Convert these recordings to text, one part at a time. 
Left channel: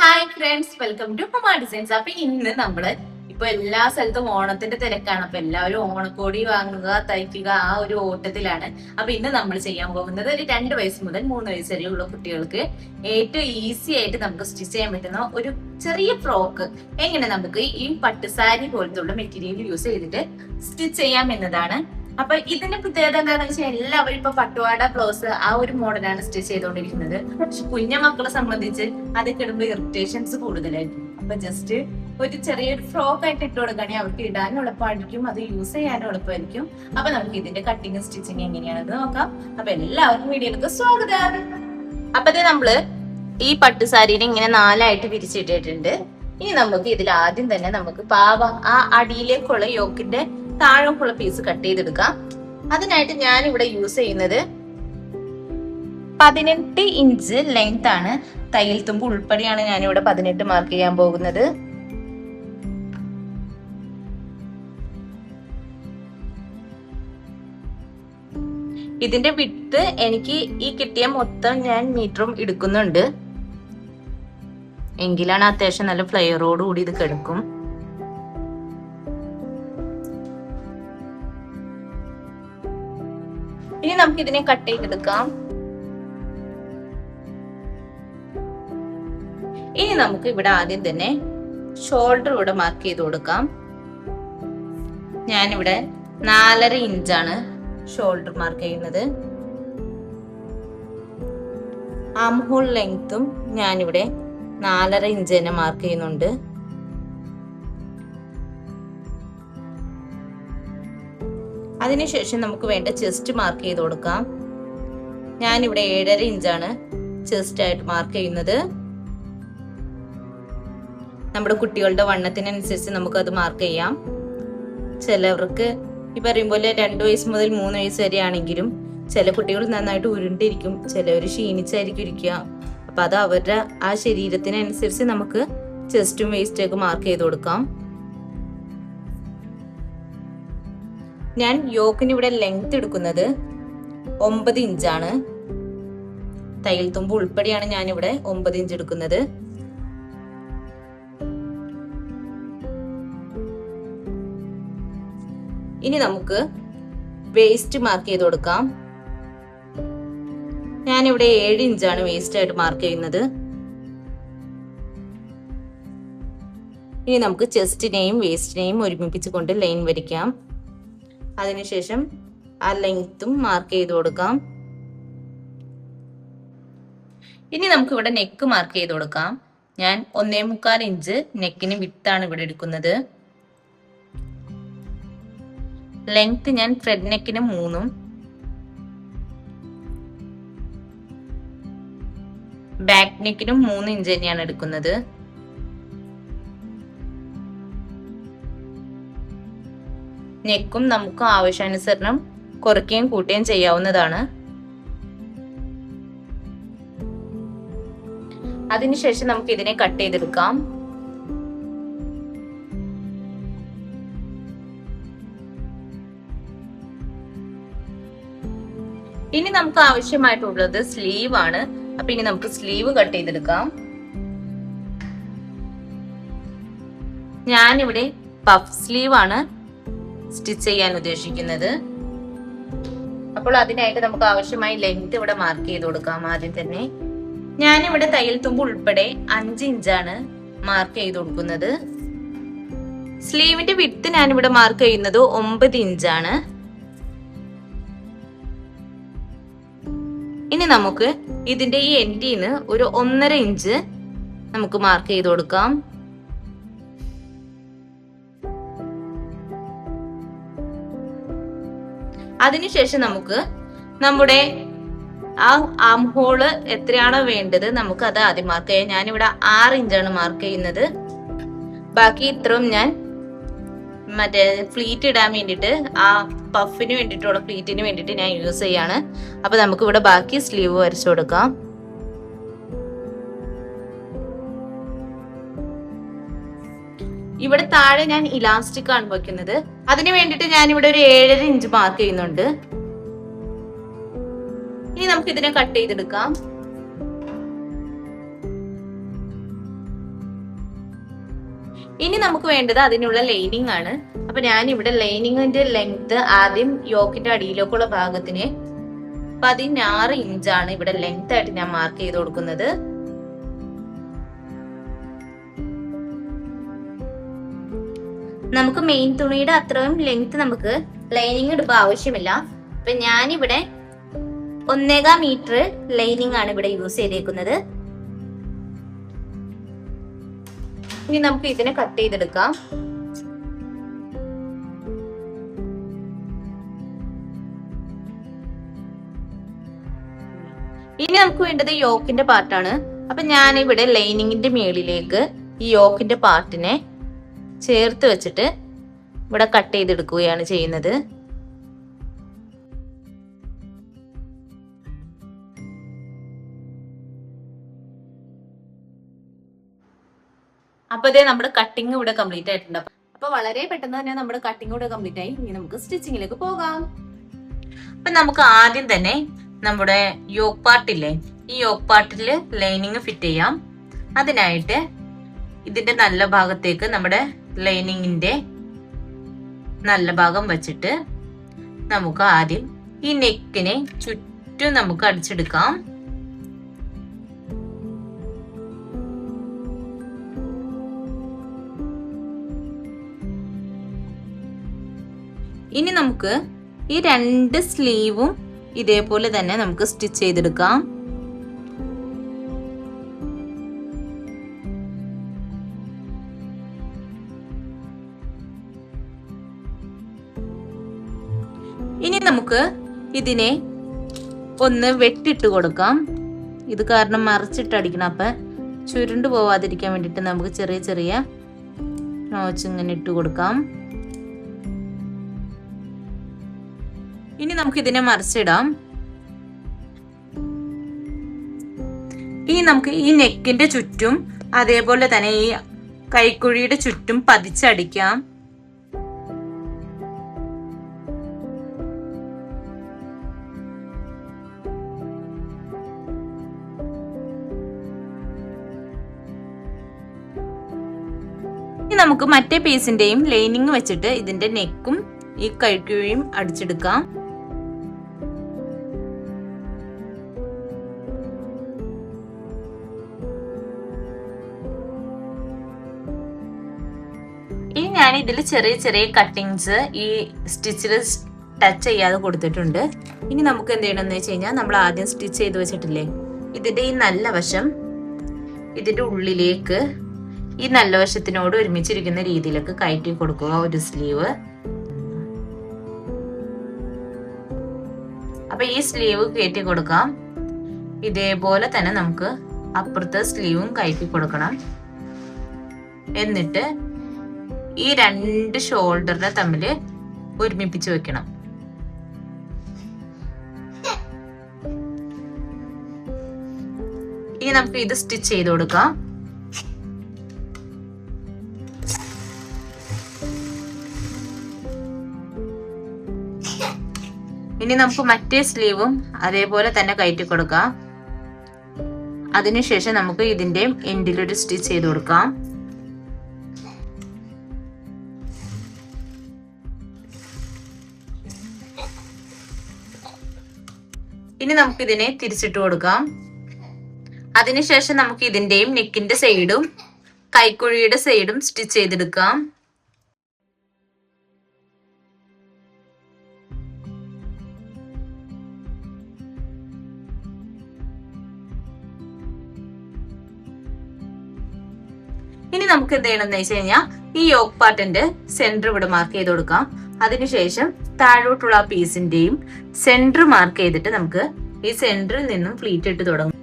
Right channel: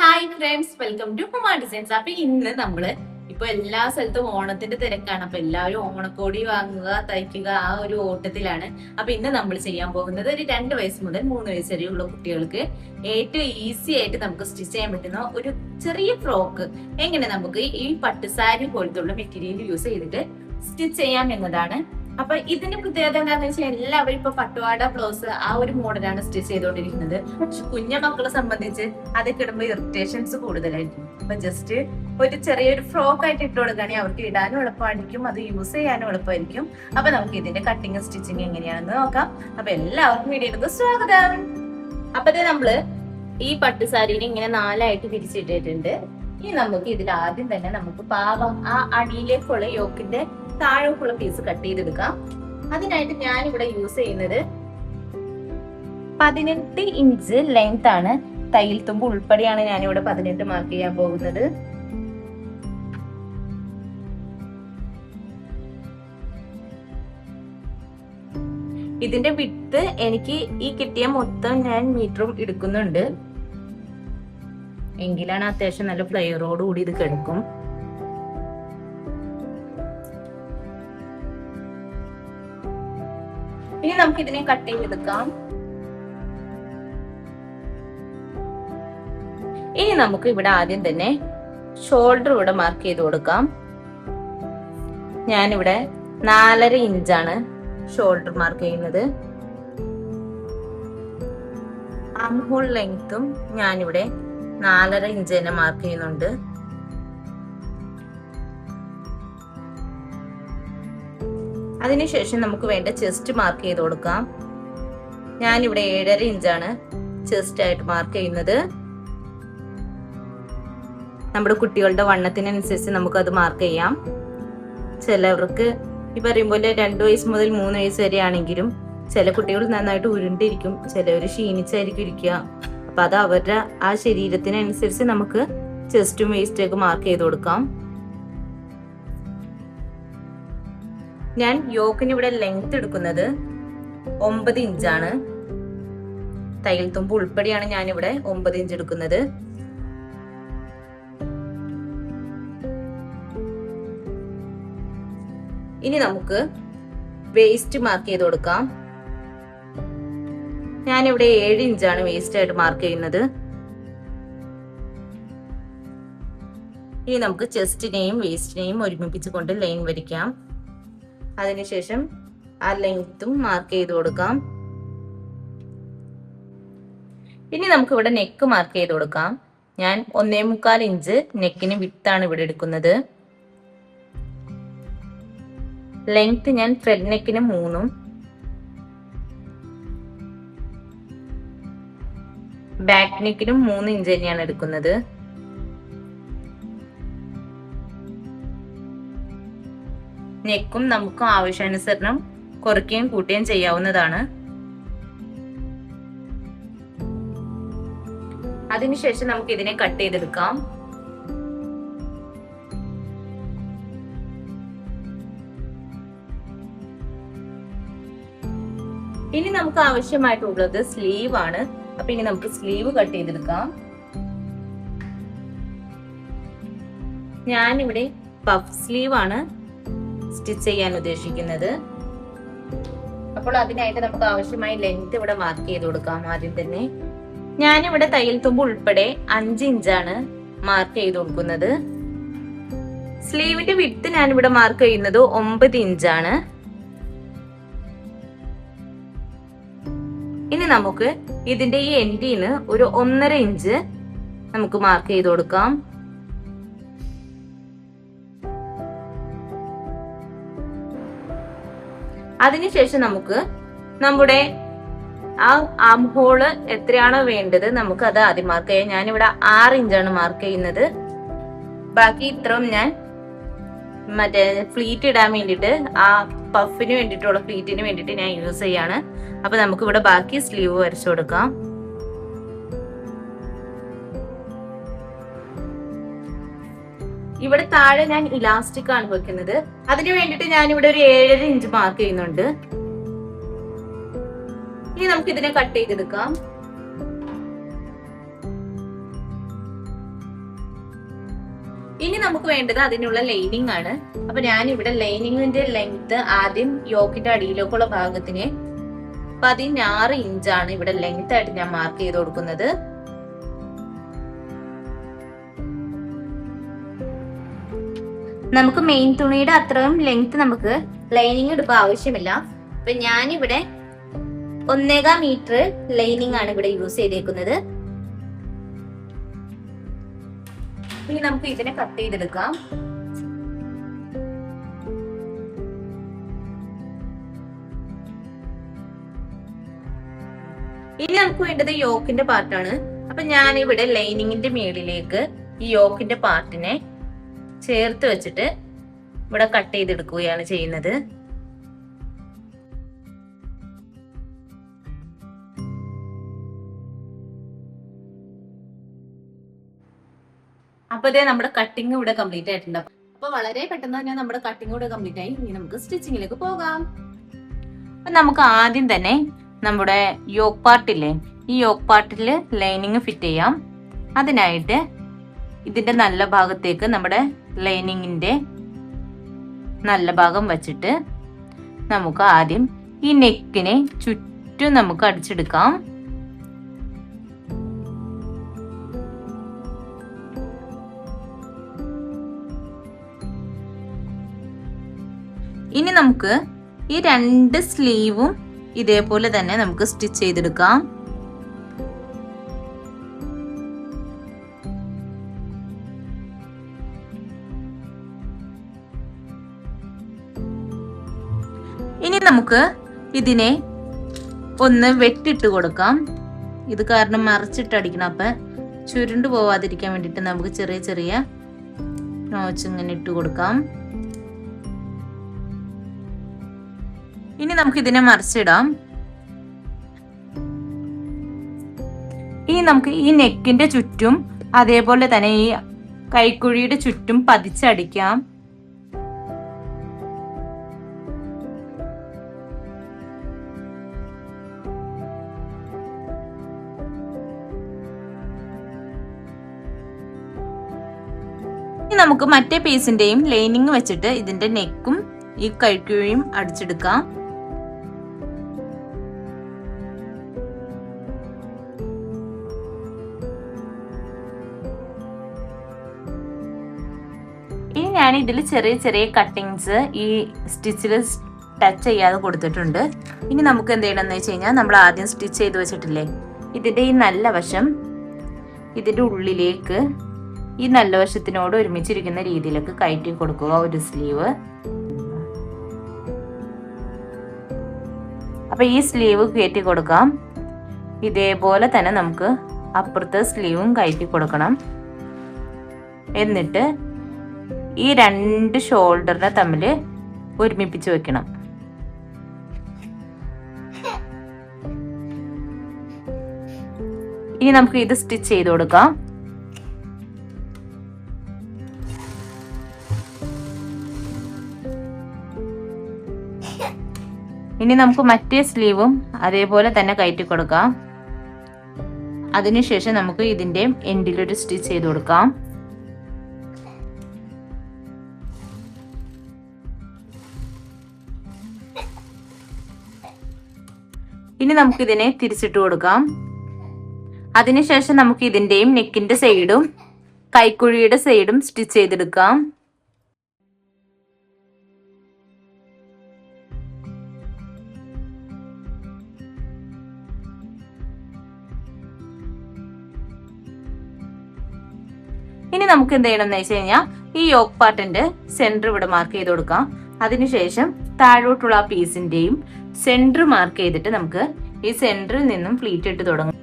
Hi friends, welcome to Huma designs. അപ്പൊ ഇന്ന് നമ്മള് ഇപ്പൊ എല്ലാ സ്ഥലത്തും ഓണത്തിന്റെ തിരക്കാണ്. അപ്പൊ എല്ലാവരും ഓണക്കോടി വാങ്ങുക, തയ്ക്കുക, ആ ഒരു ഓട്ടത്തിലാണ്. അപ്പൊ ഇന്ന് നമ്മൾ ചെയ്യാൻ പോകുന്നത് ഒരു 2 വയസ്സ് മുതൽ 3 വയസ്സ് വരെയുള്ള കുട്ടികൾക്ക് ഏറ്റവും ഈസി ആയിട്ട് നമുക്ക് സ്റ്റിച്ച് ചെയ്യാൻ പറ്റുന്ന ഒരു ചെറിയ ഫ്രോക്ക് എങ്ങനെ നമുക്ക് ഈ പട്ടുസാരി പോലത്തുള്ള മെറ്റീരിയൽ യൂസ് ചെയ്തിട്ട് സ്റ്റിച്ച് ചെയ്യാം എന്നതാണ്. അപ്പൊ ഇതിന്റെ പ്രത്യേകത എന്താണെന്ന് വെച്ചാൽ എല്ലാവരും ഇപ്പൊ പട്ടുവാട ബ്ലൗസ് ആ ഒരു മോഡലാണ് സ്റ്റിച്ച് ചെയ്തുകൊണ്ടിരിക്കുന്നത്. പക്ഷെ കുഞ്ഞ മക്കളെ സംബന്ധിച്ച് അതൊക്കെ ഇടുമ്പോൾ ഇറിറ്റേഷൻസ് കൂടുതലായിരിക്കും. അപ്പൊ ജസ്റ്റ് ഒരു ചെറിയൊരു ഫ്രോക്ക് ആയിട്ട് ഇട്ട് കൊടുക്കുകയാണെങ്കിൽ അവർക്ക് ഇടാനും എളുപ്പമായിരിക്കും, അത് യൂസ് ചെയ്യാനും എളുപ്പമായിരിക്കും. അപ്പൊ നമുക്ക് ഇതിന്റെ കട്ടിങ് സ്റ്റിച്ചിങ് എങ്ങനെയാണെന്ന് നോക്കാം. അപ്പൊ എല്ലാവർക്കും വീഡിയോയിലേക്ക് സ്വാഗതം. അപ്പൊ നമ്മള് ഈ പട്ടുസാരിനെ ഇങ്ങനെ 4ആയിട്ട് വിരിച്ചിട്ടിട്ടുണ്ട്. ഇനി നമുക്ക് ഇതിൽ ആദ്യം തന്നെ നമുക്ക് പാവ ആ അടിയിലേക്കുള്ള യോക്കിന്റെ താഴോക്കുള്ള പീസ് കട്ട് ചെയ്തെടുക്കാം. അതിനായിട്ട് ഞാൻ ഇവിടെ യൂസ് ചെയ്യുന്നത് 18 ഇഞ്ച് ലെങ്ത് ആണ്. തയ്യൽ തുമ്പ് ഉൾപ്പെടെയാണ് ഞാൻ ഇവിടെ 18 മാർക്ക് ചെയ്യാൻ പോകുന്നത്. ഇതിന്റെ വിഡ്ത് എനിക്ക് ഈ കിട്ടിയ മൊത്തം ഞാൻ മീറ്ററും എടുക്കുന്നുണ്ട്. എങ്കിലാണ് അത്യാവശ്യം നല്ല ഫ്ലെയറോട് കൂടി ഇത് കിടക്കും. ഇനി നമുക്ക് ഇതിനെ കട്ട് ചെയ്തെടുക്കാം. ഇനി നമുക്ക് ഇവിടെ ആദ്യം തന്നെ ഷോൾഡർ ഇവിടെ മാർക്ക് ചെയ്ത് കൊടുക്കാം. ഞാനിവിടെ 4.5 ഇഞ്ചാണ് ഷോൾഡർ മാർക്ക് ചെയ്യുന്നത്. ആം ഹോൾ ലെങ്ത്തും ഞാനിവിടെ 4.5 ഇഞ്ച് തന്നെ മാർക്ക് ചെയ്യുന്നുണ്ട്. അതിനുശേഷം നമുക്ക് വേണ്ട ചെസ്റ്റ് മാർക്ക് ചെയ്ത് കൊടുക്കാം. ഞാനിവിടെ 7.5 ഇഞ്ചാണ് ചെസ്റ്റ് ആയിട്ട് മാർക്ക് ചെയ്യുന്നത്. നമ്മുടെ കുട്ടികളുടെ വണ്ണത്തിനനുസരിച്ച് നമുക്കത് മാർക്ക് ചെയ്യാം. ചിലവർക്ക് ഈ പറയും പോലെ 2 വയസ്സ് മുതൽ 3 വയസ്സ് വരെ ആണെങ്കിലും ചില കുട്ടികൾ നന്നായിട്ട് ഉരുണ്ടിരിക്കും, ചിലവർ ക്ഷീണിച്ചായിരിക്കും ഇരിക്കുക. അപ്പൊ അത് അവരുടെ ആ ശരീരത്തിനനുസരിച്ച് നമുക്ക് ചെസ്റ്റും വേസ്റ്റും ഒക്കെ മാർക്ക് ചെയ്ത് കൊടുക്കാം. ഞാൻ യോക്കിന് ഇവിടെ ലെങ്ത് എടുക്കുന്നത് 9 ഇഞ്ചാണ്. തയ്യൽ തുമ്പ് ഉൾപ്പെടെയാണ് ഞാൻ ഇവിടെ 9 ഇഞ്ച് എടുക്കുന്നത്. ഇനി നമുക്ക് വേസ്റ്റ് മാർക്ക് ചെയ്ത് കൊടുക്കാം. ഞാനിവിടെ 7 ഇഞ്ചാണ് വേസ്റ്റ് ആയിട്ട് മാർക്ക് ചെയ്യുന്നത്. ഇനി നമുക്ക് ചെസ്റ്റിനെയും വേസ്റ്റിനെയും ഒരുമിപ്പിച്ച് കൊണ്ട് ലൈൻ വരയ്ക്കാം. അതിനുശേഷം ആ ലെങ്ത്തും മാർക്ക് ചെയ്ത് കൊടുക്കാം. ഇനി നമുക്ക് ഇവിടെ നെക്ക് മാർക്ക് ചെയ്ത് കൊടുക്കാം. ഞാൻ 1.25 ഇഞ്ച് നെക്കിന് വിട്ടാണ് ഇവിടെ എടുക്കുന്നത്. ലെങ്ത് ഞാൻ ഫ്രണ്ട് നെക്കിന് 3ഉം ബാക്ക് നെക്കിനും 3 ഇഞ്ച് തന്നെയാണ് എടുക്കുന്നത്. നെക്കും നമുക്ക് ആവശ്യാനുസരണം കുറയ്ക്കുകയും കൂട്ടുകയും ചെയ്യാവുന്നതാണ്. അതിനുശേഷം നമുക്ക് ഇതിനെ കട്ട് ചെയ്തെടുക്കാം. ഇനി നമുക്ക് ആവശ്യമായിട്ടുള്ളത് സ്ലീവ് ആണ്. അപ്പൊ ഇനി നമുക്ക് സ്ലീവ് കട്ട് ചെയ്തെടുക്കാം. ഞാനിവിടെ പഫ് സ്ലീവ് ആണ് സ്റ്റിച്ച് ചെയ്യാൻ ഉദ്ദേശിക്കുന്നത്. അപ്പോൾ അതിനായിട്ട് നമുക്ക് ആവശ്യമായ ലെങ്ത് ഇവിടെ മാർക്ക് ചെയ്ത് കൊടുക്കാം. ആദ്യം തന്നെ ഞാനിവിടെ തയ്യൽ തുമ്പ് ഉൾപ്പെടെ 5 ഇഞ്ചാണ് മാർക്ക് ചെയ്ത് കൊടുക്കുന്നത്. സ്ലീവിന്റെ വിഡ്ത് ഞാനിവിടെ മാർക്ക് ചെയ്യുന്നത് 9 ഇഞ്ചാണ്. ഇനി നമുക്ക് ഇതിന്റെ ഈ എൻഡിന് ഒരു 1.5 ഇഞ്ച് നമുക്ക് മാർക്ക് ചെയ്ത് കൊടുക്കാം. അതിനുശേഷം നമുക്ക് നമ്മുടെ ആ ആം ഹോള് എത്രയാണോ വേണ്ടത് നമുക്ക് അത് ആദ്യം മാർക്ക് ചെയ്യാം. ഞാനിവിടെ 6 ഇഞ്ചാണ് മാർക്ക് ചെയ്യുന്നത്. ബാക്കി ഇത്രയും ഞാൻ മറ്റേ ഫ്ലീറ്റ് ഇടാൻ വേണ്ടിയിട്ട് ആ പഫിന് വേണ്ടിയിട്ടുള്ള ഫ്ലീറ്റിന് വേണ്ടിയിട്ട് ഞാൻ യൂസ് ചെയ്യാണ്. അപ്പൊ നമുക്ക് ഇവിടെ ബാക്കി സ്ലീവ് വരച്ചു കൊടുക്കാം. ഇവിടെ താഴെ ഞാൻ ഇലാസ്റ്റിക് ആണ് വെക്കുന്നത്. അതിന് വേണ്ടിയിട്ട് ഞാൻ ഇവിടെ ഒരു 7.5 ഇഞ്ച് മാർക്ക് ചെയ്യുന്നുണ്ട്. ഇനി നമുക്ക് ഇതിനെ കട്ട് ചെയ്തെടുക്കാം. ഇനി നമുക്ക് വേണ്ടത് അതിനുള്ള ലൈനിങ് ആണ്. അപ്പൊ ഞാൻ ഇവിടെ ലൈനിങ്ങിന്റെ ലെങ്ത് ആദ്യം യോക്കിന്റെ അടിയിലേക്കുള്ള ഭാഗത്തിന് 16 ഇഞ്ചാണ് ഇവിടെ ലെങ്ത് ആയിട്ട് ഞാൻ മാർക്ക് ചെയ്ത് കൊടുക്കുന്നത്. നമുക്ക് മെയിൻ തുണിയുടെ അത്രയും ലെങ്ത് നമുക്ക് ലൈനിങ് ഇടുമ്പോ ആവശ്യമില്ല. അപ്പൊ ഞാനിവിടെ 1.25 മീറ്റർ ലൈനിങ് ആണ് ഇവിടെ യൂസ് ചെയ്തേക്കുന്നത്. ഇനി നമുക്ക് ഇതിനെ കട്ട് ചെയ്തെടുക്കാം. ഇനി നമുക്ക് വേണ്ടത് യോക്കിന്റെ പാർട്ടാണ്. അപ്പൊ ഞാൻ ഇവിടെ ലൈനിങ്ങിന്റെ മേളിലേക്ക് ഈ യോക്കിന്റെ പാർട്ടിനെ ചേർത്ത് വെച്ചിട്ട് ഇവിടെ കട്ട് ചെയ്തെടുക്കുകയാണ് ചെയ്യുന്നത്. അപ്പൊ ഇതേ നമ്മുടെ കട്ടിങ് ഇവിടെ കംപ്ലീറ്റ് ആയിട്ടുണ്ട്. അപ്പൊ വളരെ പെട്ടെന്ന് തന്നെ നമ്മുടെ കട്ടിങ് ഇവിടെ കംപ്ലീറ്റ് ആയി. ഇനി നമുക്ക് സ്റ്റിച്ചിങ്ങിലേക്ക് പോകാം. അപ്പൊ നമുക്ക് ആദ്യം തന്നെ നമ്മുടെ യോക്ക് പാർട്ടില്ലേ, ഈ യോക്ക് പാർട്ടില് ലൈനിങ് ഫിറ്റ് ചെയ്യാം. അതിനായിട്ട് ഇതിന്റെ നല്ല ഭാഗത്തേക്ക് നമ്മുടെ ലൈനിങ്ങിന്റെ നല്ല ഭാഗം വച്ചിട്ട് നമുക്ക് ആദ്യം ഈ നെക്കിനെ ചുറ്റും നമുക്ക് അടിച്ചെടുക്കാം. ഇനി നമുക്ക് ഈ 2 സ്ലീവും ഇതേപോലെ തന്നെ നമുക്ക് സ്റ്റിച്ച് ചെയ്തെടുക്കാം. ഇനി നമുക്ക് ഇതിനെ ഒന്ന് വെട്ടിട്ട് കൊടുക്കാം. ഇത് കാരണം മറിച്ചിട്ട് അടിക്കണം. അപ്പൊ ചുരുണ്ടു പോവാതിരിക്കാൻ വേണ്ടിട്ട് നമുക്ക് ചെറിയ ചെറിയ നോച്ച് ഇങ്ങനെ ഇട്ട് കൊടുക്കാം. ഇനി നമുക്ക് ഇതിനെ മറിച്ചിടാം. ഇനി നമുക്ക് ഈ നെക്കിന്റെ ചുറ്റും അതേപോലെ തന്നെ ഈ കൈക്കുഴിയുടെ ചുറ്റും പതിച്ചടിക്കാം. ഇനി നമുക്ക് മറ്റേ പീസിന്റെയും ലൈനിങ് വെച്ചിട്ട് ഇതിന്റെ നെക്കും ഈ കൈക്കുഴിയും അടിച്ചെടുക്കാം. ഇനി ഞാൻ ഇതിൽ ചെറിയ ചെറിയ കട്ടിങ്സ് ഈ സ്റ്റിച്ചിൽ ടച്ച് ചെയ്യാതെ കൊടുത്തിട്ടുണ്ട്. ഇനി നമുക്ക് എന്ത് ചെയ്യണമെന്ന് വെച്ച് കഴിഞ്ഞാൽ നമ്മൾ ആദ്യം സ്റ്റിച്ച് ചെയ്ത് വെച്ചിട്ടില്ലേ, ഇതിന്റെ ഈ നല്ല വശം ഇതിന്റെ ഉള്ളിലേക്ക് ഈ നല്ല വശത്തിനോട് ഒരുമിച്ചിരിക്കുന്ന രീതിയിലേക്ക് കയറ്റി കൊടുക്കുക ഒരു സ്ലീവ്. അപ്പൊ ഈ സ്ലീവ് കയറ്റി കൊടുക്കാം. ഇതേപോലെ തന്നെ നമുക്ക് അപ്പുറത്തെ സ്ലീവും കയറ്റി കൊടുക്കണം. എന്നിട്ട് ഈ 2 ഷോൾഡറിനെ തമ്മിൽ ഒരുമിപ്പിച്ച് വെക്കണം. ഇനി നമുക്ക് ഇത് സ്റ്റിച്ച് ചെയ്ത് കൊടുക്കാം. ഇനി നമുക്ക് മറ്റേ സ്ലീവും അതേപോലെ തന്നെ കയറ്റി കൊടുക്കാം. അതിനുശേഷം നമുക്ക് ഇതിന്റെ എൻഡിലൊരു സ്റ്റിച്ച് ചെയ്ത് കൊടുക്കാം. ഇനി നമുക്ക് ഇതിനെ തിരിച്ചിട്ട് കൊടുക്കാം. അതിനുശേഷം നമുക്ക് ഇതിന്റെയും നെക്കിന്റെ സൈഡും കൈക്കുഴിയുടെ സൈഡും സ്റ്റിച്ച് ചെയ്തെടുക്കാം. ഇനി നമുക്ക് എന്ത് ചെയ്യണം എന്ന് വെച്ച് കഴിഞ്ഞാൽ ഈ യോക്ക് പാർട്ടിന്റെ സെന്റർ ഇവിടെ മാർക്ക് ചെയ്ത് കൊടുക്കാം. അതിനുശേഷം താഴോട്ടുള്ള ആ പീസിന്റെയും സെന്റർ മാർക്ക് ചെയ്തിട്ട് നമുക്ക് ഈ സെന്ററിൽ നിന്നും ഫ്ലീറ്റ് ഇട്ട് തുടങ്ങും.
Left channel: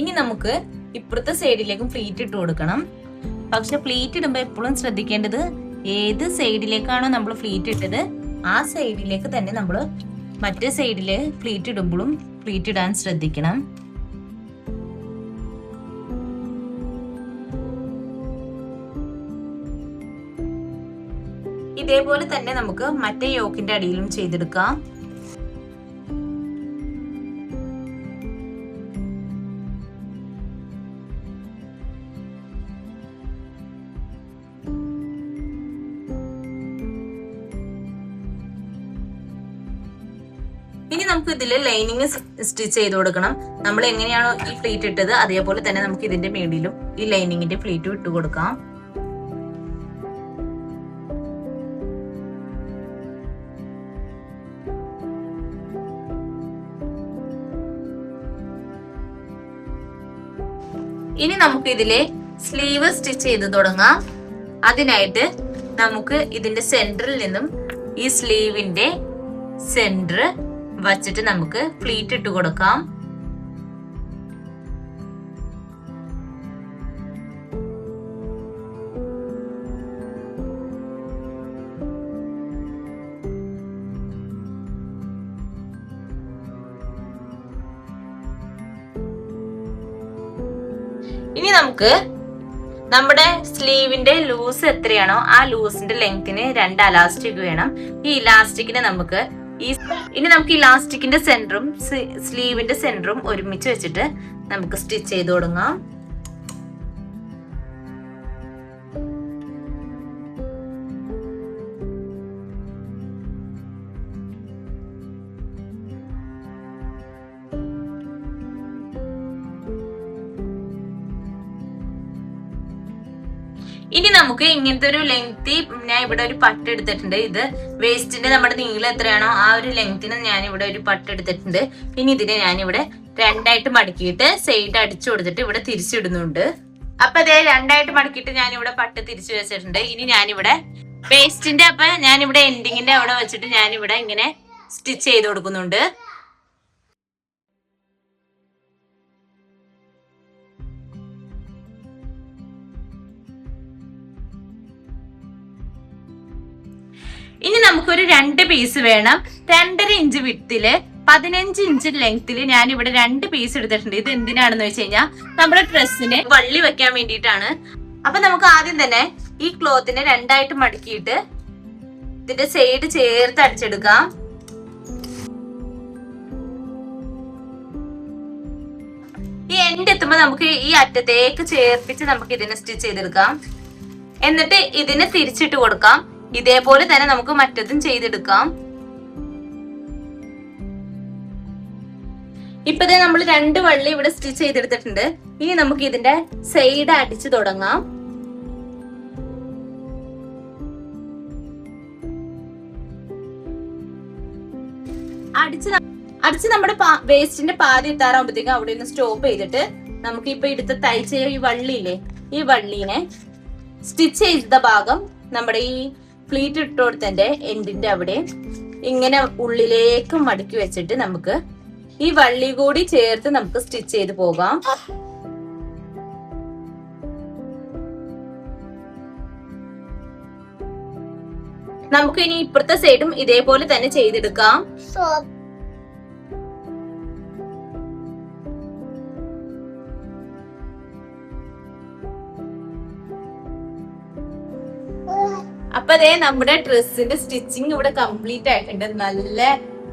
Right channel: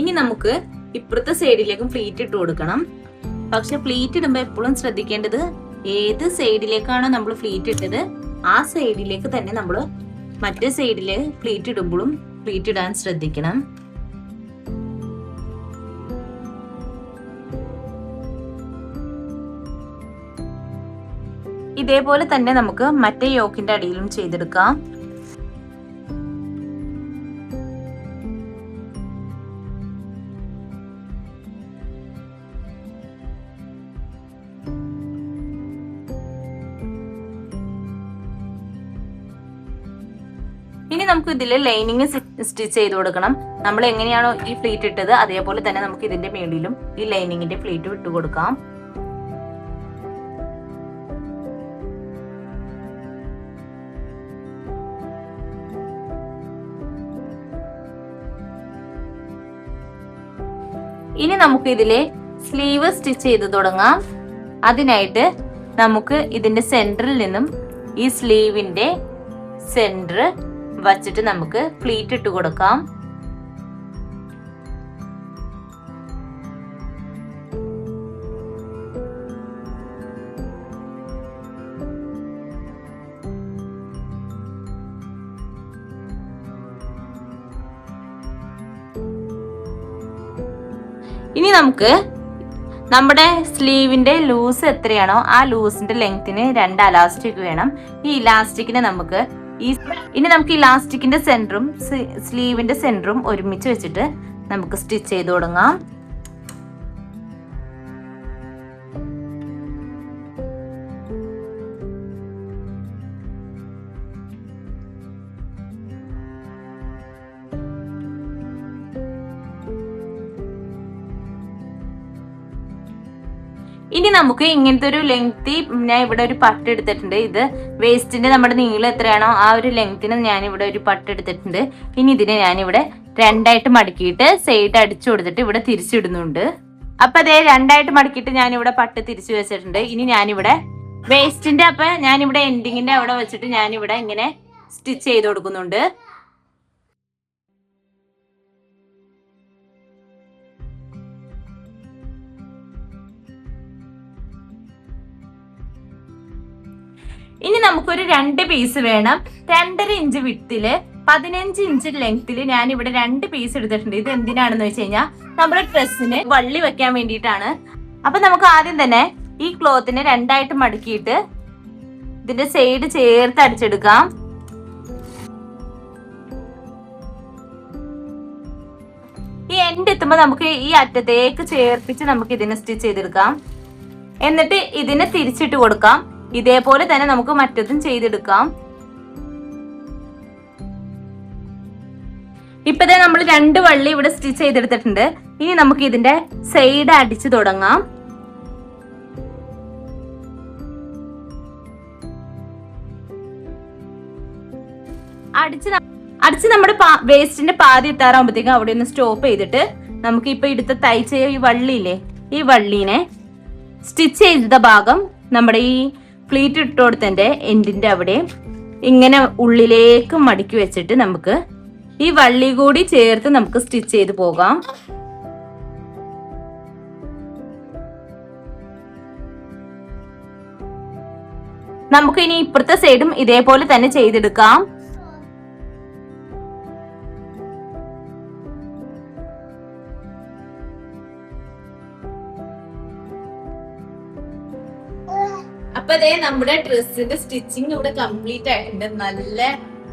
ഇനി നമുക്ക് ഇപ്പുറത്തെ സൈഡിലേക്കും ഫ്ലീറ്റ് ഇട്ട് കൊടുക്കണം. പക്ഷെ ഫ്ലീറ്റ് ഇടുമ്പോൾ എപ്പോഴും ശ്രദ്ധിക്കേണ്ടത് ഏത് സൈഡിലേക്കാണോ നമ്മൾ ഫ്ലീറ്റ് ഇട്ടത് ആ സൈഡിലേക്ക് തന്നെ നമ്മൾ മറ്റേ സൈഡില് ഫ്ലീറ്റ് ഇടുമ്പോഴും ഫ്ലീറ്റ് ഇടാൻ ശ്രദ്ധിക്കണം. ഇതേപോലെ തന്നെ നമുക്ക് മറ്റേ യോക്കിന്റെ അടിയിലും ചെയ്തെടുക്കാം. ഇനി നമുക്ക് ഇതില് ലൈനിങ് സ്റ്റിച്ച് ചെയ്ത് കൊടുക്കണം. നമ്മൾ എങ്ങനെയാണോ ഈ ഫ്ലീറ്റ് ഇട്ടത് അതേപോലെ തന്നെ നമുക്ക് ഇതിന്റെ മേളിലും ഈ ലൈനിങ്ങിന്റെ ഫ്ലീറ്റ് ഇട്ട് കൊടുക്കാം. ഇനി നമുക്ക് ഇതിലെ സ്ലീവ് സ്റ്റിച്ച് ചെയ്ത് തുടങ്ങാം. അതിനായിട്ട് നമുക്ക് ഇതിന്റെ സെന്ററിൽ നിന്നും ഈ സ്ലീവിന്റെ സെന്റർ വച്ചിട്ട് നമുക്ക് ഫ്ലീറ്റ് ഇട്ട് കൊടുക്കാം. ഇനി നമുക്ക് നമ്മുടെ സ്ലീവിന്റെ ലൂസ് എത്രയാണോ ആ ലൂസിന്റെ ലെങ്ത്തിന് 2 ഇലാസ്റ്റിക് വേണം. ഈ ഇലാസ്റ്റിക്കിനെ നമുക്ക് ഇനി നമുക്ക് ഇലാസ്റ്റിക്കിന്റെ സെന്ററും സ്ലീവിന്റെ സെന്ററും ഒരുമിച്ച് വെച്ചിട്ട് നമുക്ക് സ്റ്റിച്ച് ചെയ്ത് തുടങ്ങാം. ഇനി നമുക്ക് ഇങ്ങനത്തെ ഒരു ലെങ്തി, ഞാൻ ഇവിടെ ഒരു പട്ട് എടുത്തിട്ടുണ്ട്. ഇത് വേസ്റ്റിന്റെ നമ്മുടെ നീളം എത്രയാണോ ആ ഒരു ലെങ്ത്തിന് ഞാൻ ഇവിടെ ഒരു പട്ട് എടുത്തിട്ടുണ്ട്. ഇനി ഇതിനെ ഞാനിവിടെ 2ആയിട്ട് മടക്കിയിട്ട് സൈഡ് അടിച്ചു കൊടുത്തിട്ട് ഇവിടെ തിരിച്ചിടുന്നുണ്ട്. അപ്പൊ അതേ 2ആയിട്ട് മടക്കിയിട്ട് ഞാനിവിടെ പട്ട് തിരിച്ചു വെച്ചിട്ടുണ്ട്. ഇനി ഞാനിവിടെ വേസ്റ്റിന്റെ ഞാനിവിടെ എൻഡിങ്ങിന്റെ അവിടെ വെച്ചിട്ട് ഞാനിവിടെ ഇങ്ങനെ സ്റ്റിച്ച് ചെയ്ത് കൊടുക്കുന്നുണ്ട്. ഇനി നമുക്കൊരു 2 പീസ് വേണം. 2.5 ഇഞ്ച് വിട്ടില് 15 ഇഞ്ച് ലെങ്തില് ഞാൻ ഇവിടെ 2 പീസ് എടുത്തിട്ടുണ്ട്. ഇത് എന്തിനാണെന്ന് വെച്ച് കഴിഞ്ഞാൽ നമ്മുടെ ഡ്രസ്സിന് വള്ളി വെക്കാൻ വേണ്ടിയിട്ടാണ്. അപ്പൊ നമുക്ക് ആദ്യം തന്നെ ഈ ക്ലോത്തിനെ 2ആയിട്ട് മടക്കിയിട്ട് ഇതിന്റെ സൈഡ് ചേർത്ത് അടിച്ചെടുക്കാം. ഈ എൻഡ് എത്തുമ്പോ നമുക്ക് ഈ അറ്റത്തേക്ക് ചേർപ്പിച്ച് നമുക്ക് ഇതിനെ സ്റ്റിച്ച് ചെയ്തെടുക്കാം. എന്നിട്ട് ഇതിനെ തിരിച്ചിട്ട് കൊടുക്കാം. ഇതേപോലെ തന്നെ നമുക്ക് മറ്റതും ചെയ്തെടുക്കാം. ഇപ്പതേ നമ്മൾ 2 വള്ളി ഇവിടെ സ്റ്റിച്ച് ചെയ്തെടുത്തിട്ടുണ്ട്. ഇനി നമുക്ക് ഇതിന്റെ സൈഡ് അടിച്ചു തുടങ്ങാം. അടിച്ച് നമ്മുടെ വേസ്റ്റിന്റെ പാതി എത്താറാകുമ്പോഴത്തേക്കും അവിടെ ഒന്ന് സ്റ്റോപ്പ് ചെയ്തിട്ട് നമുക്ക് ഇപ്പൊ എടുത്ത് തയ്ച്ച ഈ വള്ളിയില്ലേ, ഈ വള്ളീനെ സ്റ്റിച്ച് ചെയ്ത ഭാഗം നമ്മുടെ ഈ ഫ്ലീറ്റ് ഇട്ട് കൊടുത്തതിന്റെ എൻഡിന്റെ അവിടെ ഇങ്ങനെ ഉള്ളിലേക്ക് മടക്കി വെച്ചിട്ട് നമുക്ക് ഈ വള്ളി കൂടി ചേർത്ത് നമുക്ക് സ്റ്റിച്ച് ചെയ്ത് പോകാം. നമുക്ക് ഇനി ഇപ്പുറത്തെ സൈഡും ഇതേപോലെ തന്നെ ചെയ്തെടുക്കാം. അപ്പൊ അതേ നമ്മുടെ ഡ്രസ്സിന്റെ സ്റ്റിച്ചിങ് ഇവിടെ കംപ്ലീറ്റ് ആയിട്ടുണ്ട്. നല്ല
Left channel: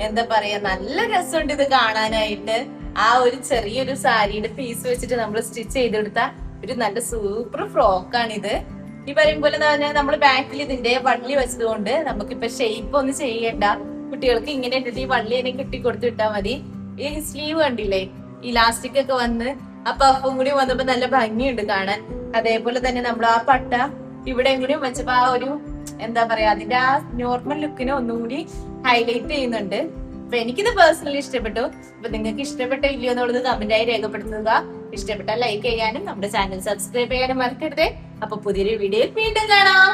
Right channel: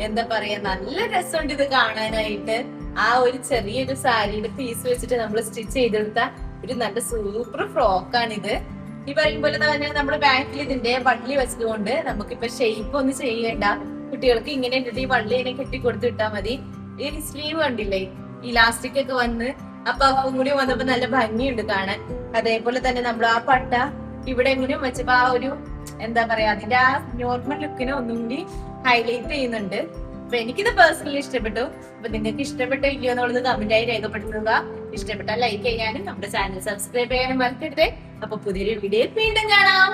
എന്താ പറയാ, നല്ല രസമുണ്ട് ഇത് കാണാനായിട്ട്. ആ ഒരു ചെറിയൊരു സാരിയുടെ പീസ് വെച്ചിട്ട് നമ്മൾ സ്റ്റിച്ച് ചെയ്തെടുത്ത ഒരു നല്ല സൂപ്പർ ഫ്രോക്കാണിത്. ഈ പറയും പോലെ നമ്മൾ ബാക്കിൽ ഇതിന്റെ വള്ളി വെച്ചതുകൊണ്ട് നമുക്കിപ്പൊ ഷേപ്പ് ഒന്നും ചെയ്യണ്ട. കുട്ടികൾക്ക് ഇങ്ങനെ ഇട്ടിട്ട് ഈ വള്ളി തന്നെ കെട്ടിക്കൊടുത്ത് ഇട്ടാ മതി. ഈ സ്ലീവ് കണ്ടില്ലേ, ഇലാസ്റ്റിക് ഒക്കെ വന്ന് ആ പഫും കൂടി വന്നപ്പോ നല്ല ഭംഗിയുണ്ട് കാണാൻ. അതേപോലെ തന്നെ നമ്മൾ ആ പട്ട ഇവിടെ എങ്ങനെയും വെച്ചപ്പോ ആ ഒരു എന്താ പറയാ, അതിന്റെ ആ നോർമൽ ലുക്കിനെ ഒന്നും കൂടി ഹൈലൈറ്റ് ചെയ്യുന്നുണ്ട്. അപ്പൊ എനിക്കിത് പേഴ്സണലി ഇഷ്ടപ്പെട്ടു. അപ്പൊ നിങ്ങൾക്ക് ഇഷ്ടപ്പെട്ടോ ഇല്ലയോ എന്നുള്ളത് കമന്റായി രേഖപ്പെടുത്തുക. ഇഷ്ടപ്പെട്ടാൽ ലൈക്ക് ചെയ്യാനും നമ്മുടെ ചാനൽ സബ്സ്ക്രൈബ് ചെയ്യാനും മറക്കരുത്. അപ്പൊ പുതിയൊരു വീഡിയോയിൽ വീണ്ടും കാണാം.